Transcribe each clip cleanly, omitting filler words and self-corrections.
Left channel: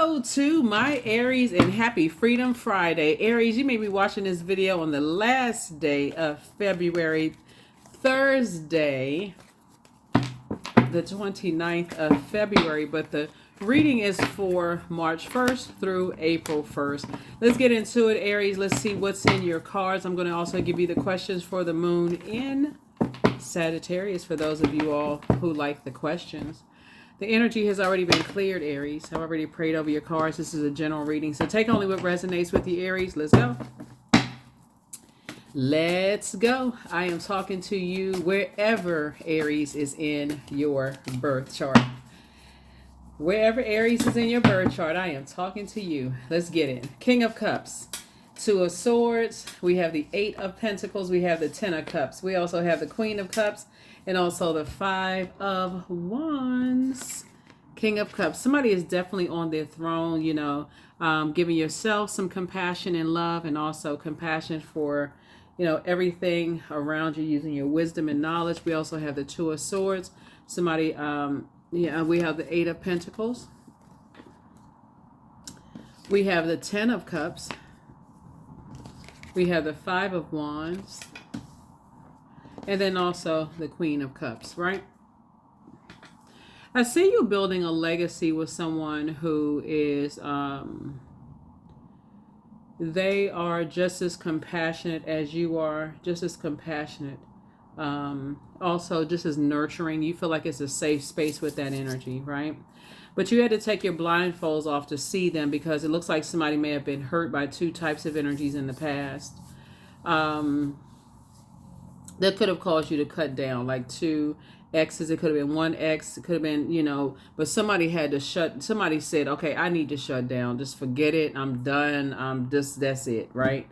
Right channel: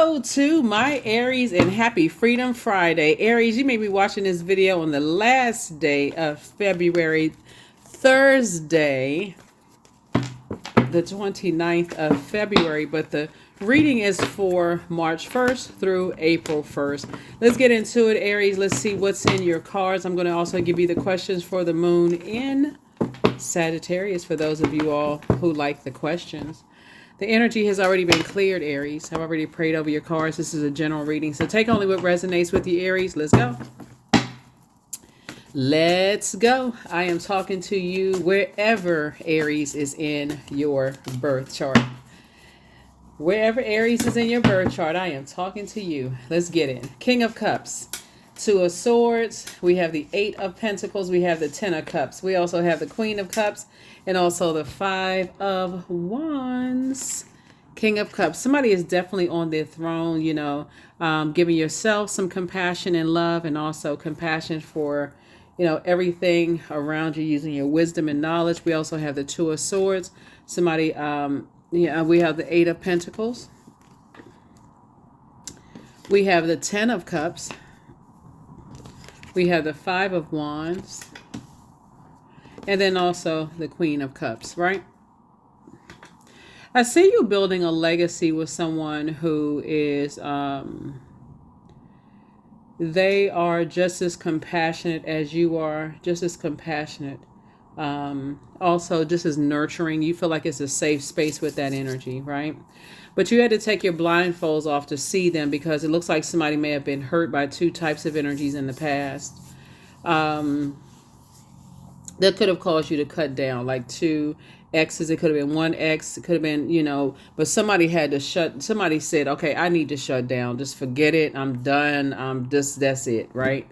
Hello to my Aries and happy Freedom Friday. Aries, you may be watching this video on the last day of February, Thursday, the 29th of February, but the reading is for March 1st through April 1st. Let's get into it, Aries. Let's see what's in your cards. I'm going to also give you the questions for the moon in Sagittarius for those of you all who like the questions. The energy has already been cleared, Aries. I've already prayed over your cards. This is a general reading, so take only what resonates with you, Aries. Let's go. Let's go. I am talking to you wherever Aries is in your birth chart. Wherever Aries is in your birth chart, I am talking to you. Let's get it. King of Cups, Two of Swords. We have the Eight of Pentacles. We have the Ten of Cups. We also have the Queen of Cups. And also the Five of Wands. King of Cups. Somebody is definitely on their throne, giving yourself some compassion and love, and also compassion for, everything around you, using your wisdom and knowledge. We also have the Two of Swords. Somebody, we have the Eight of Pentacles. We have the Ten of Cups. We have the Five of Wands. And then also the Queen of Cups, right? I see you building a legacy with someone who is, they are just as compassionate as you are, just as compassionate. Also just as nurturing. You feel like it's a safe space with that energy, right? But you had to take your blindfolds off to see them because it looks like somebody may have been hurt by two types of energies in the past. That could have caused you to cut down, like two X's. It could have been one X. It could have been, but somebody had to somebody said, okay, I need to shut down. Just forget it. I'm done. That's it, right?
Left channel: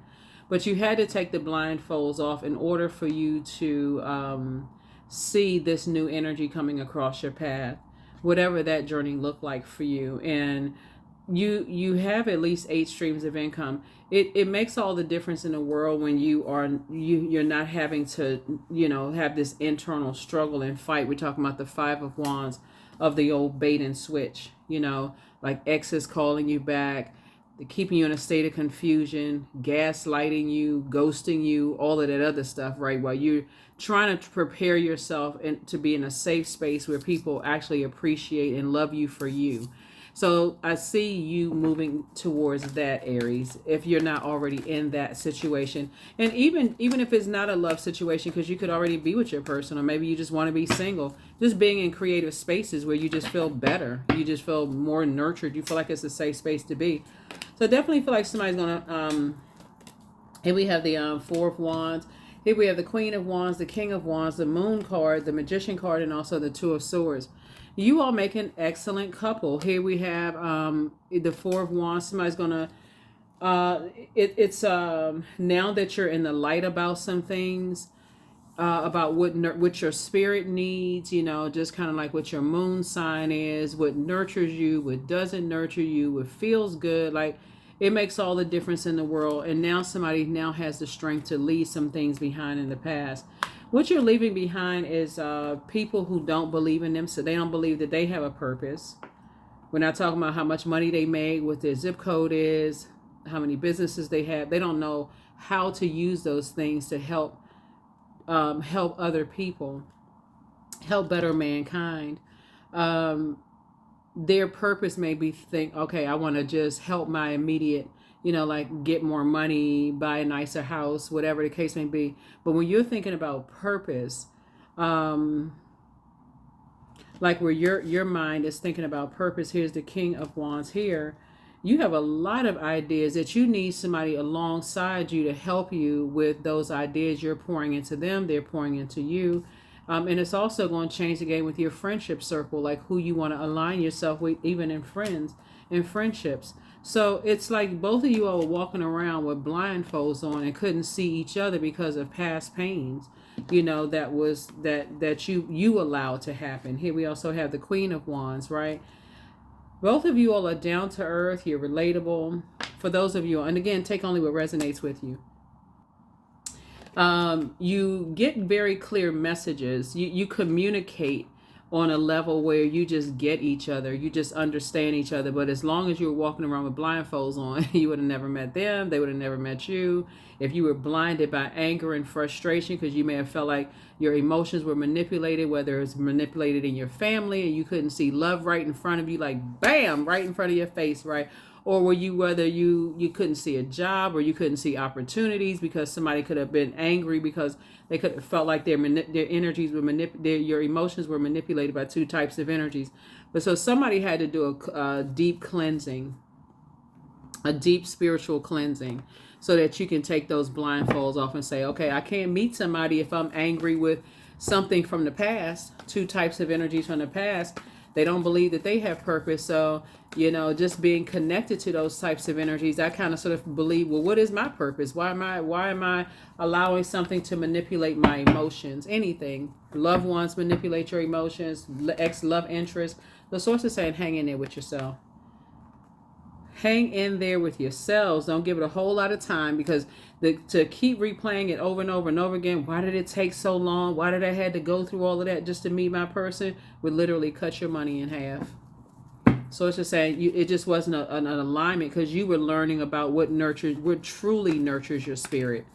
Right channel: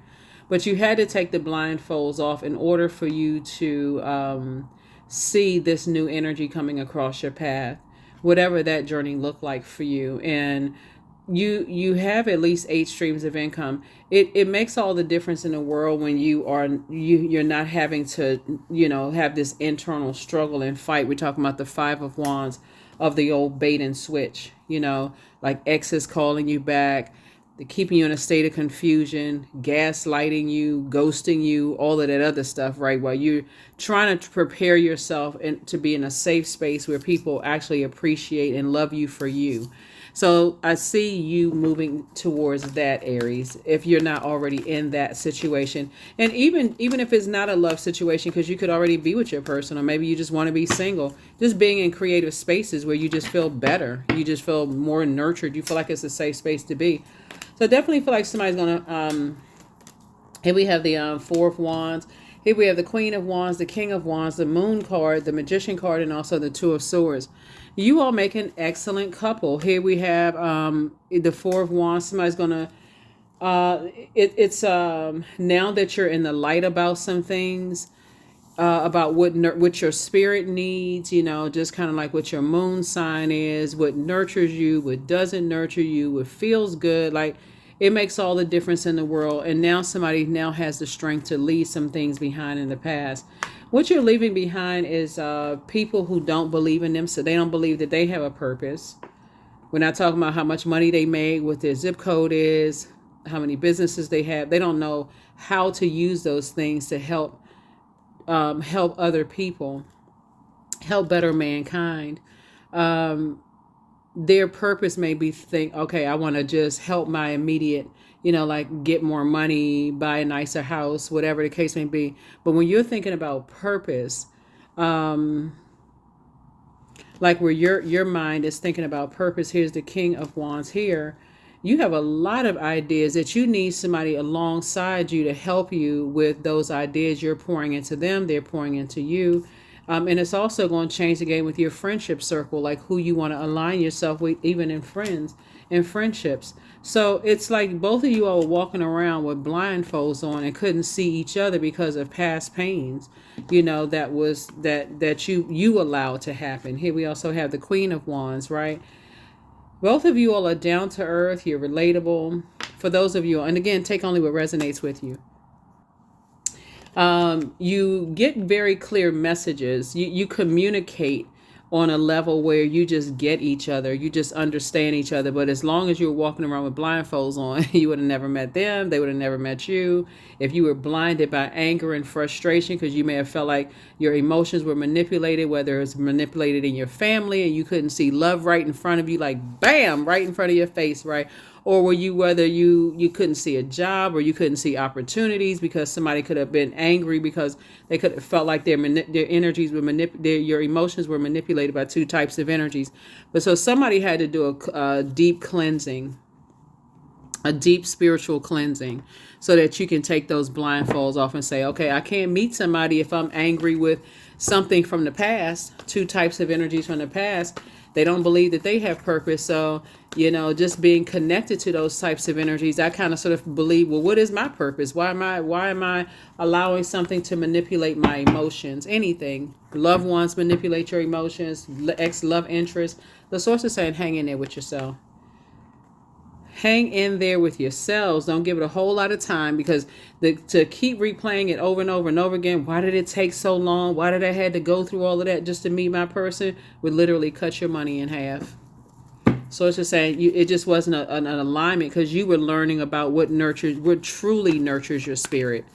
But you had to take the blindfolds off in order for you to see this new energy coming across your path, whatever that journey looked like for you. And you have at least 8 streams of income. It makes all the difference in the world when you're not having to have this internal struggle and fight. We're talking about the Five of Wands, of the old bait and switch, like exes calling you back, keeping you in a state of confusion, gaslighting you, ghosting you, all of that other stuff, right? While you're trying to prepare yourself to be in a safe space where people actually appreciate and love you for you. So I see you moving towards that, Aries, if you're not already in that situation. And even if it's not a love situation, because you could already be with your person, or maybe you just want to be single, just being in creative spaces where you just feel better. You just feel more nurtured. You feel like it's a safe space to be. So definitely feel like somebody's going to, here we have the Four of Wands. Here we have the Queen of Wands, the King of Wands, the Moon card, the Magician card, and also the Two of Swords. You all make an excellent couple. Here we have the Four of Wands. Somebody's gonna. It's now that you're in the light about some things, about what your spirit needs. Just kind of like what your moon sign is, what nurtures you, what doesn't nurture you, what feels good. Like it makes all the difference in the world. And now somebody now has the strength to leave some things behind in the past. What you're leaving behind is people who don't believe in them, so they don't believe that they have a purpose. We're not talking about how much money they made, what their zip code is, how many businesses they have. They don't know how to use those things to help other people, help better mankind. Their purpose may be okay, I want to just help my immediate, like get more money, buy a nicer house, whatever the case may be. But when you're thinking about purpose, like where your mind is thinking about purpose, here's the King of Wands here. You have a lot of ideas that you need somebody alongside you to help you with those ideas. You're pouring into them, they're pouring into you. And it's also going to change the game with your friendship circle, like who you want to align yourself with, even in friends and friendships. So it's like both of you all were walking around with blindfolds on and couldn't see each other because of past pains, that you allowed to happen. Here we also have the Queen of Wands, right? Both of you all are down to earth. You're relatable. For those of you, and again, take only what resonates with you. You get very clear messages. You communicate on a level where you just get each other, you just understand each other. But as long as you were walking around with blindfolds on, you would have never met them, they would have never met you. If you were blinded by anger and frustration because you may have felt like your emotions were manipulated, whether it's manipulated in your family and you couldn't see love right in front of you, like bam, right in front of your face, right? Or were you, whether you couldn't see a job or you couldn't see opportunities because somebody could have been angry because they could have felt like their energies were your emotions were manipulated by two types of energies. But so somebody had to do a deep cleansing, a deep spiritual cleansing, so that you can take those blindfolds off and say, okay, I can't meet somebody if I'm angry with something from the past, two types of energies from the past. They don't believe that they have purpose. So, just being connected to those types of energies, I kind of sort of believe, well, what is my purpose? Why am I allowing something to manipulate my emotions? Anything. Loved ones manipulate your emotions, ex-love interest. The source is saying, hang in there with yourself. Hang in there with yourselves. Don't give it a whole lot of time, because to keep replaying it over and over and over again, why did it take so long? Why did I had to go through all of that just to meet my person? Would literally cut your money in half. So it's just saying it just wasn't an alignment, because you were learning about what truly nurtures your spirit.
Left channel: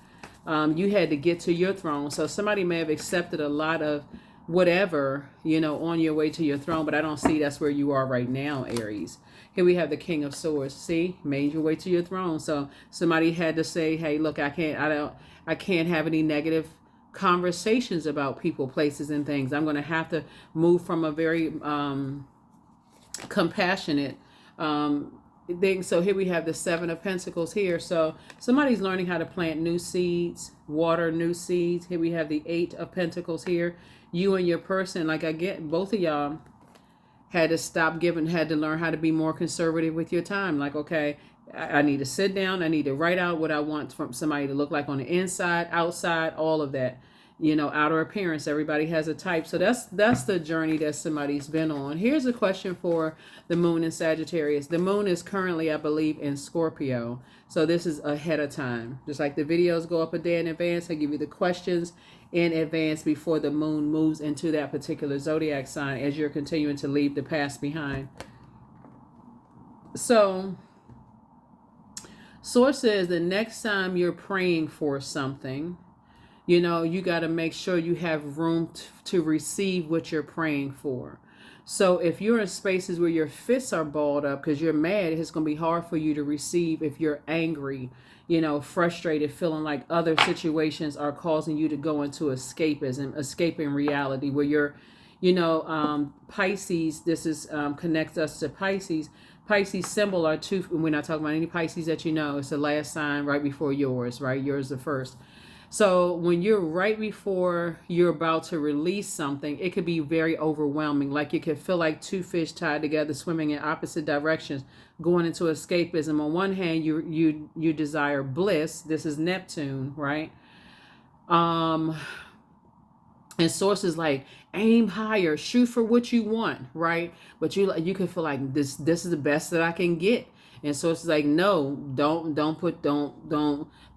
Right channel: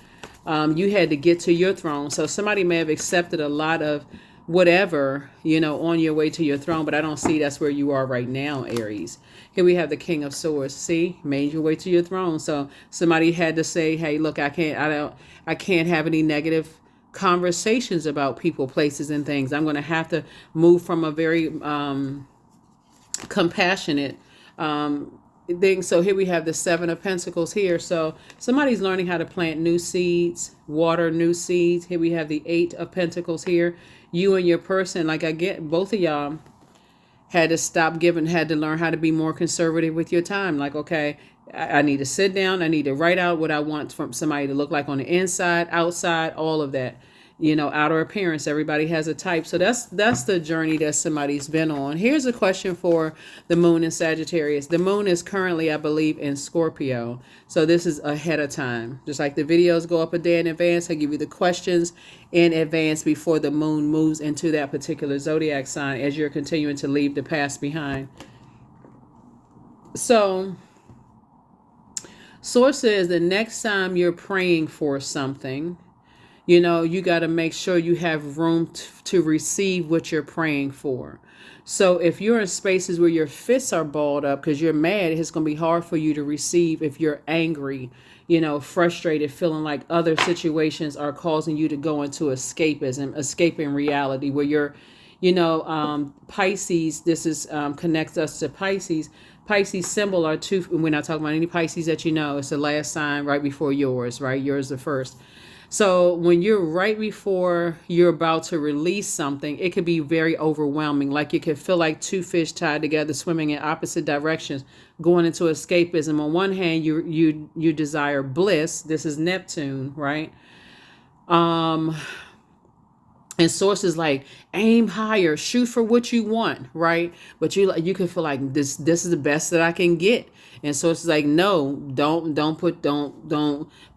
You had to get to your throne. So somebody may have accepted a lot of whatever, on your way to your throne, but I don't see that's where you are right now, Aries. Here we have the King of Swords. See, made your way to your throne. So somebody had to say, hey, look, I can't have any negative conversations about people, places, and things. I'm going to have to move from a very compassionate thing. So here we have the Seven of Pentacles here. So somebody's learning how to plant new seeds, water new seeds. Here we have the Eight of Pentacles here. You and your person, like I get both of y'all, had to learn how to be more conservative with your time. Like, okay, I need to sit down. I need to write out what I want from somebody to look like on the inside, outside, all of that. Outer appearance. Everybody has a type. So that's the journey that somebody's been on. Here's a question for the moon in Sagittarius. The moon is currently, I believe, in Scorpio. So this is ahead of time. Just like the videos go up a day in advance, I give you the questions in advance before the moon moves into that particular zodiac sign as you're continuing to leave the past behind. So source says the next time you're praying for something, you got to make sure you have room to receive what you're praying for. So if you're in spaces where your fists are balled up because you're mad, it's going to be hard for you to receive. If you're angry, frustrated, feeling like other situations are causing you to go into escapism, escaping reality, where you're, Pisces, this is connects us to Pisces. Pisces symbol are two. We're not talking about any Pisces that it's the last sign right before yours, right? Yours the first. So when you're right before you're about to release something, it could be very overwhelming. Like you could feel like two fish tied together, swimming in opposite directions, going into escapism. On one hand, you desire bliss. This is Neptune, right? And sources like aim higher, shoot for what you want, right? But you can feel like this is the best that I can get. And so it's like, no, don't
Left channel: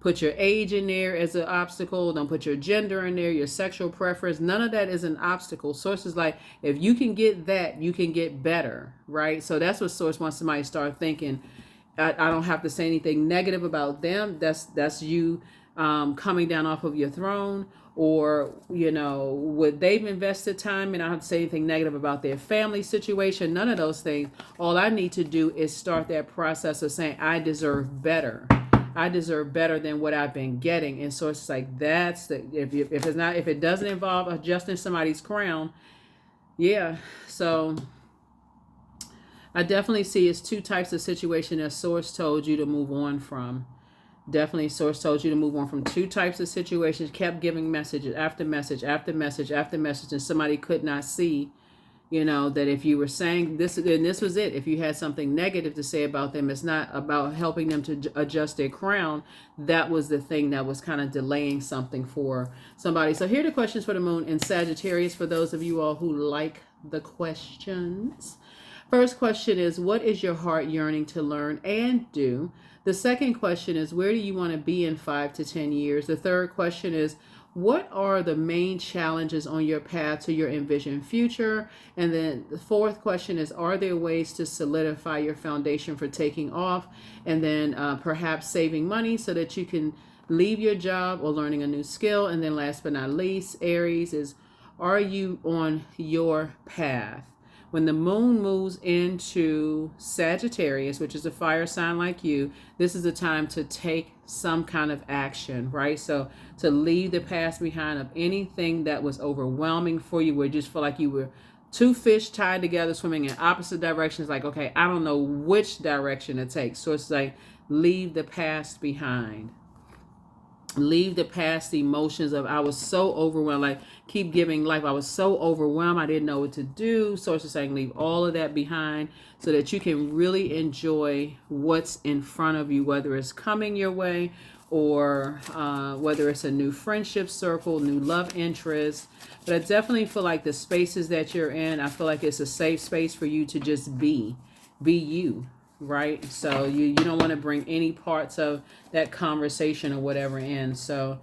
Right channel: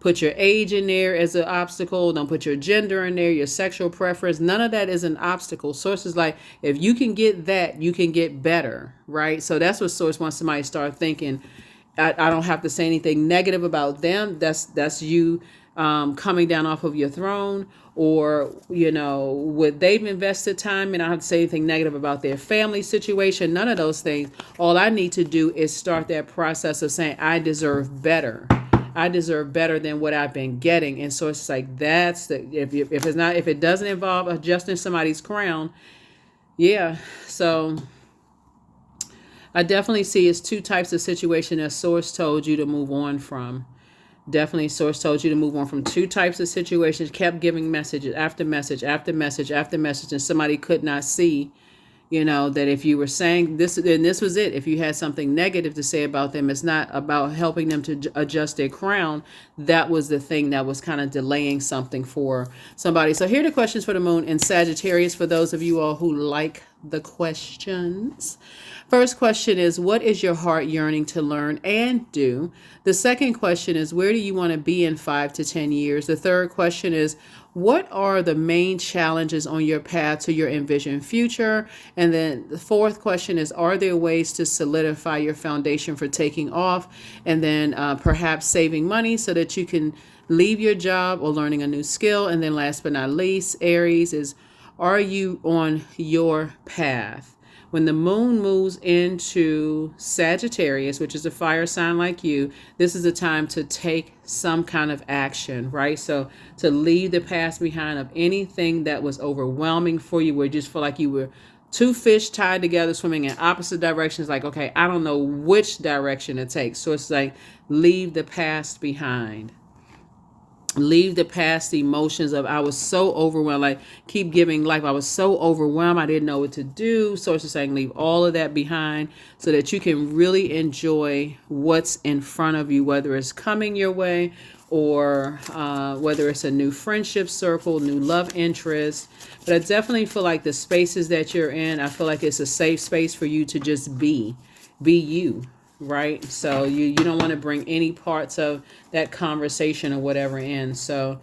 put your age in there as an obstacle. Don't put your gender in there, your sexual preference. None of that is an obstacle. Source is like, if you can get that, you can get better, right? So that's what source wants somebody to start thinking. I don't have to say anything negative about them. That's you coming down off of your throne, or what they've invested time in. I don't have to say anything negative about their family situation, none of those things. All I need to do is start that process of saying, I deserve better. I deserve better than what I've been getting. And so it's like, that's the, if it doesn't involve adjusting somebody's crown. Yeah. So I definitely see it's two types of situation that source told you to move on from. Definitely source told you to move on from two types of situations, kept giving messages after message after message after message, and somebody could not see, that if you were saying this, and this was it. If you had something negative to say about them, it's not about helping them to adjust their crown. That was the thing that was kind of delaying something for somebody. So here are the questions for the moon in Sagittarius, for those of you all who like the questions. First question is, what is your heart yearning to learn and do? The second question is, where do you want to be in 5 to 10 years? The third question is, What are the main challenges on your path to your envisioned future? And then the fourth question is, are there ways to solidify your foundation for taking off? And then perhaps saving money so that you can leave your job or learning a new skill. And then last but not least, Aries is, are you on your path? When the moon moves into Sagittarius, which is a fire sign like you, this is a time to take some kind of action, right? So to leave the past behind of anything that was overwhelming for you, where you just feel like you were two fish tied together swimming in opposite directions. Like, okay, I don't know which direction to take. So it's like, leave the past behind. Leave the past emotions of, I was so overwhelmed, like keep giving life. I was so overwhelmed, I didn't know what to do. So it's just saying, leave all of that behind so that you can really enjoy what's in front of you, whether it's coming your way or whether it's a new friendship circle, new love interest. But I definitely feel like the spaces that you're in, I feel like it's a safe space for you to just be you, right? So you don't want to bring any parts of that conversation or whatever in. So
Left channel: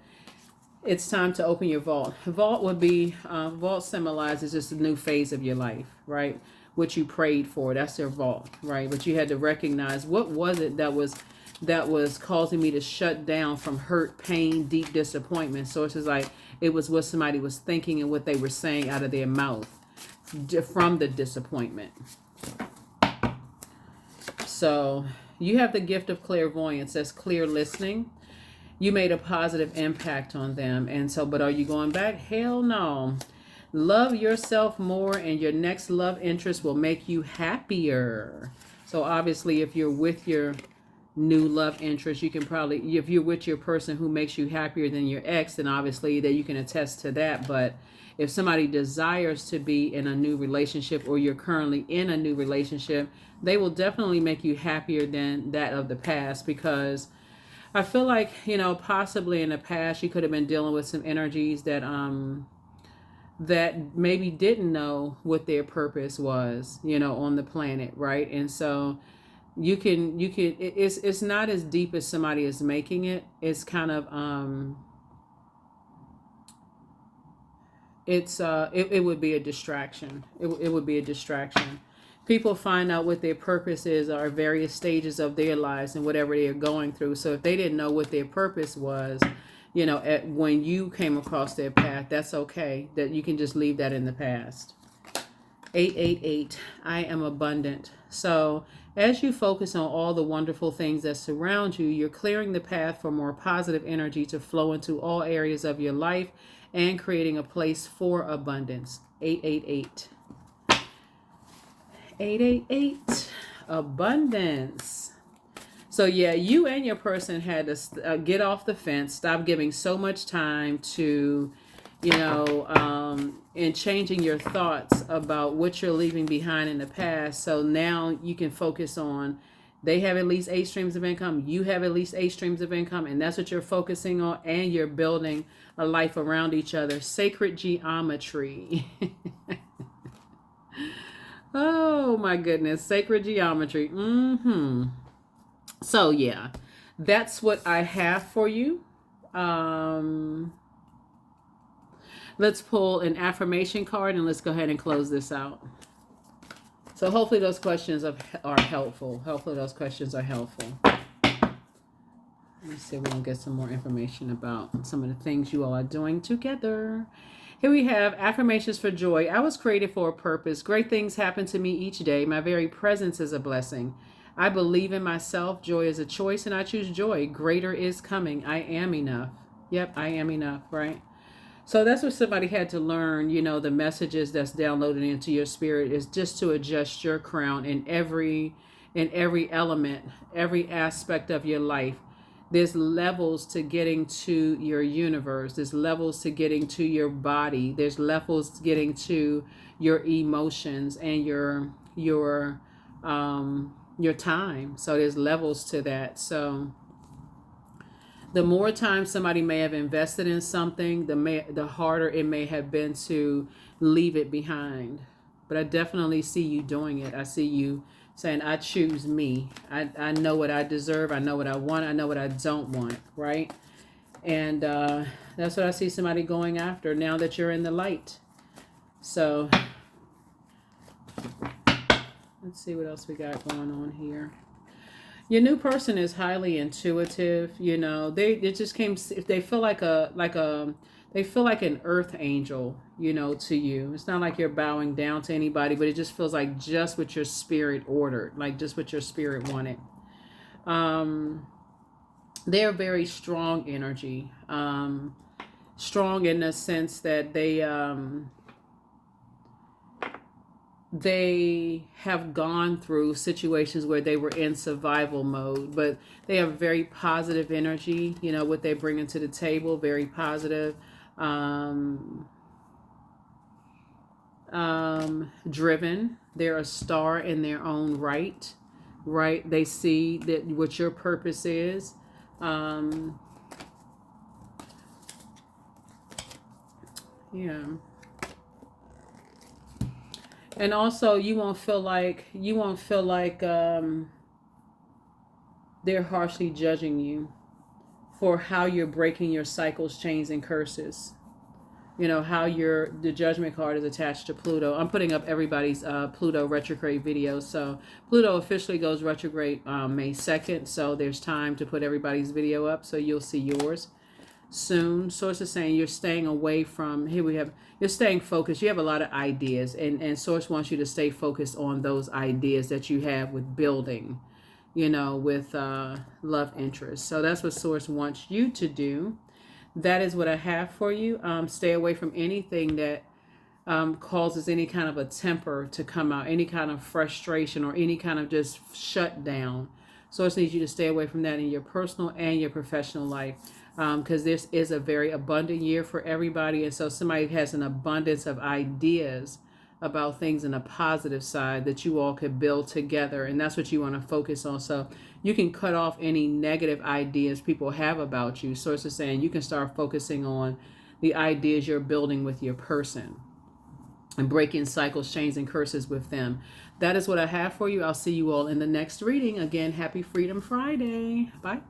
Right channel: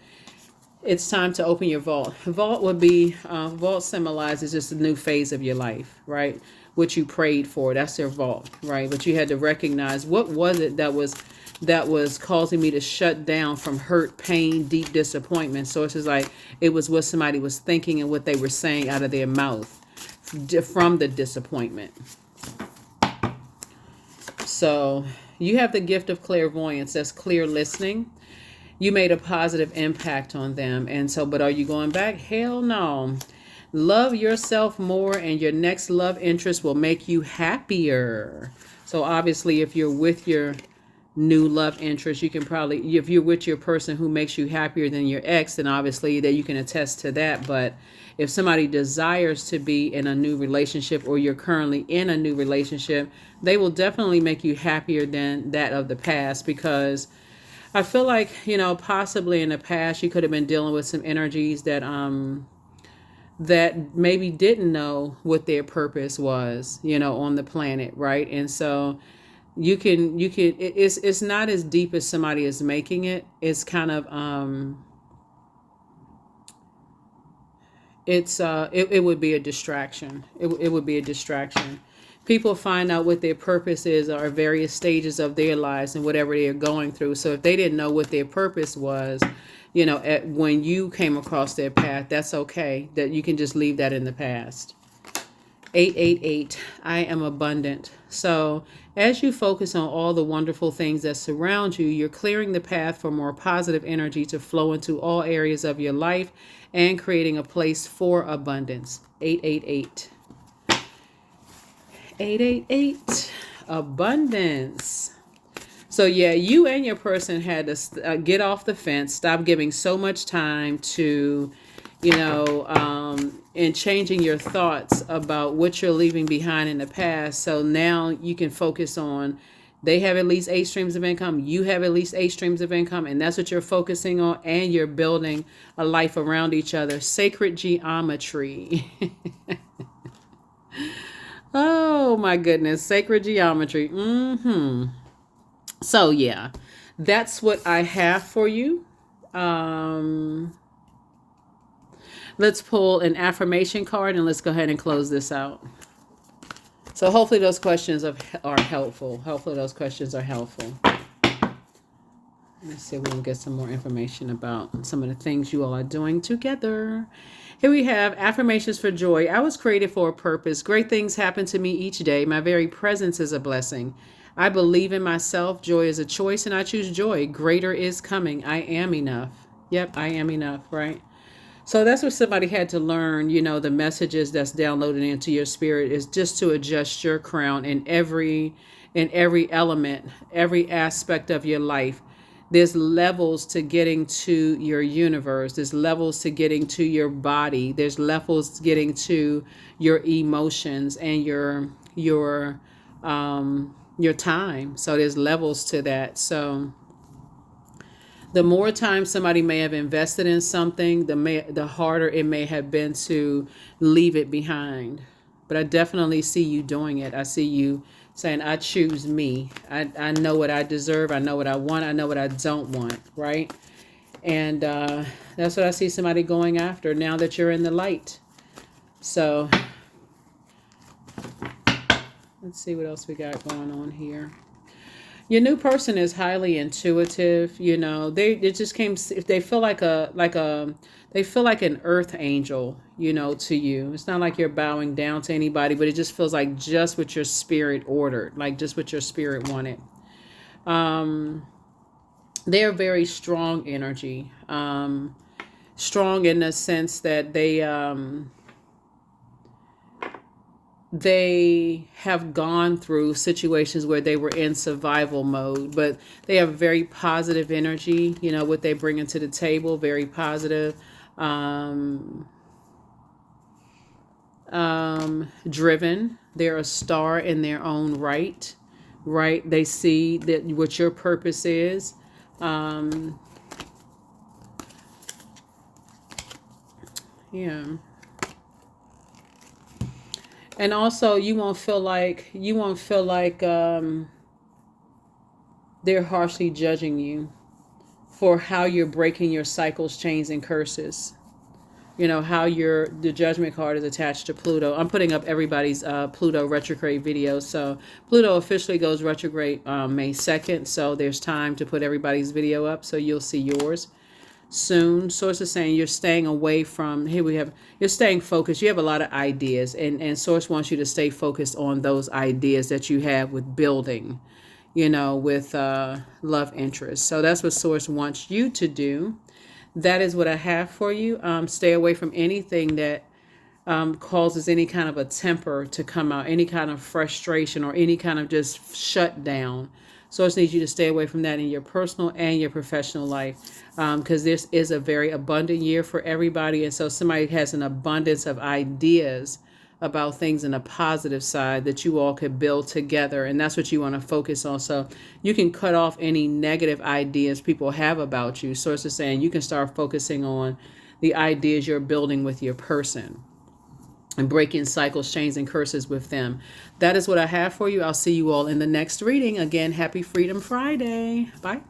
it's time to open your vault. Vault would be, vault symbolizes just a new phase of your life, right? What you prayed for, that's your vault, right? But you had to recognize, what was it that was causing me to shut down from hurt, pain, deep disappointment. So it's just like, it was what somebody was thinking and what they were saying out of their mouth from the disappointment. So you have the gift of clairvoyance. That's clear listening. You made a positive impact on them. And so, but are you going back? Hell no. Love yourself more, and your next love interest will make you happier. So obviously, if you're with your new love interest, you can probably, if you're with your person who makes you happier than your ex, then obviously that you can attest to that. But if somebody desires to be in a new relationship, or you're currently in a new relationship, they will definitely make you happier than that of the past, because I feel like, possibly in the past you could have been dealing with some energies that that maybe didn't know what their purpose was, on the planet, right? And so it's not as deep as somebody is making it. It's kind of it would be a distraction. It would be a distraction. People find out what their purpose is or various stages of their lives and whatever they're going through. So if they didn't know what their purpose was, when you came across their path, that's okay. That you can just leave that in the past. 888, I am abundant. So as you focus on all the wonderful things that surround you, you're clearing the path for more positive energy to flow into all areas of your life and creating a place for abundance. 888. 888, abundance. So yeah, you and your person had to get off the fence, stop giving so much time to, and changing your thoughts about what you're leaving behind in the past. So now you can focus on, they have at least 8 streams of income. You have at least 8 streams of income. And that's what you're focusing on. And you're building a life around each other. Sacred geometry. Oh my goodness. Sacred geometry. So yeah, that's what I have for you. Let's pull an affirmation card and let's go ahead and close this out. So hopefully those questions are helpful. Hopefully those questions are helpful. Let's see if we can get some more information about some of the things you all are doing together. Here we have affirmations for joy. I was created for a purpose. Great things happen to me each day. My very presence is a blessing. I believe in myself. Joy is a choice, and I choose joy. Greater is coming. I am enough. Yep, I am enough, right? So that's what somebody had to learn, the messages that's downloaded into your spirit is just to adjust your crown in every element, every aspect of your life. There's levels to getting to your universe. There's levels to getting to your body. There's levels to getting to your emotions and your time. So there's levels to that. So the more time somebody may have invested in something, the harder it may have been to leave it behind. But I definitely see you doing it. I see you saying, I choose me. I know what I deserve. I know what I want. I know what I don't want, right? And that's what I see somebody going after now that you're in the light. So let's see what else we got going on here. Your new person is highly intuitive. You know, it just came. They feel like they feel like an earth angel. You know, to you. It's not like you're bowing down to anybody, but it just feels like just what your spirit ordered, like just what your spirit wanted. They're very strong energy. Strong in the sense that they have gone through situations where they were in survival mode, but they have very positive energy. You know, what they bring into the table, very positive. Driven. They're a star in their own right. Right? They see that what your purpose is. Yeah. And also, you won't feel like they're harshly judging you for how you're breaking your cycles, chains, and curses. You know how the judgment card is attached to Pluto. I'm putting up everybody's Pluto retrograde video. So Pluto officially goes retrograde May 2nd. So there's time to put everybody's video up. So you'll see yours soon. Source is saying you're staying away from, here we have, you're staying focused. You have a lot of ideas, and Source wants you to stay focused on those ideas that you have with building, you know, with love interest. So that's what Source wants you to do. That is what I have for you. Stay away from anything that causes any kind of a temper to come out, any kind of frustration or any kind of just shut down. Source needs you to stay away from that in your personal and your professional life, because this is a very abundant year for everybody. And so somebody has an abundance of ideas about things in a positive side that you all could build together. And that's what you want to focus on. So you can cut off any negative ideas people have about you. Source is saying you can start focusing on the ideas you're building with your person and breaking cycles, chains, and curses with them. That is what I have for you. I'll see you all in the next reading. Again, happy Freedom Friday. Bye.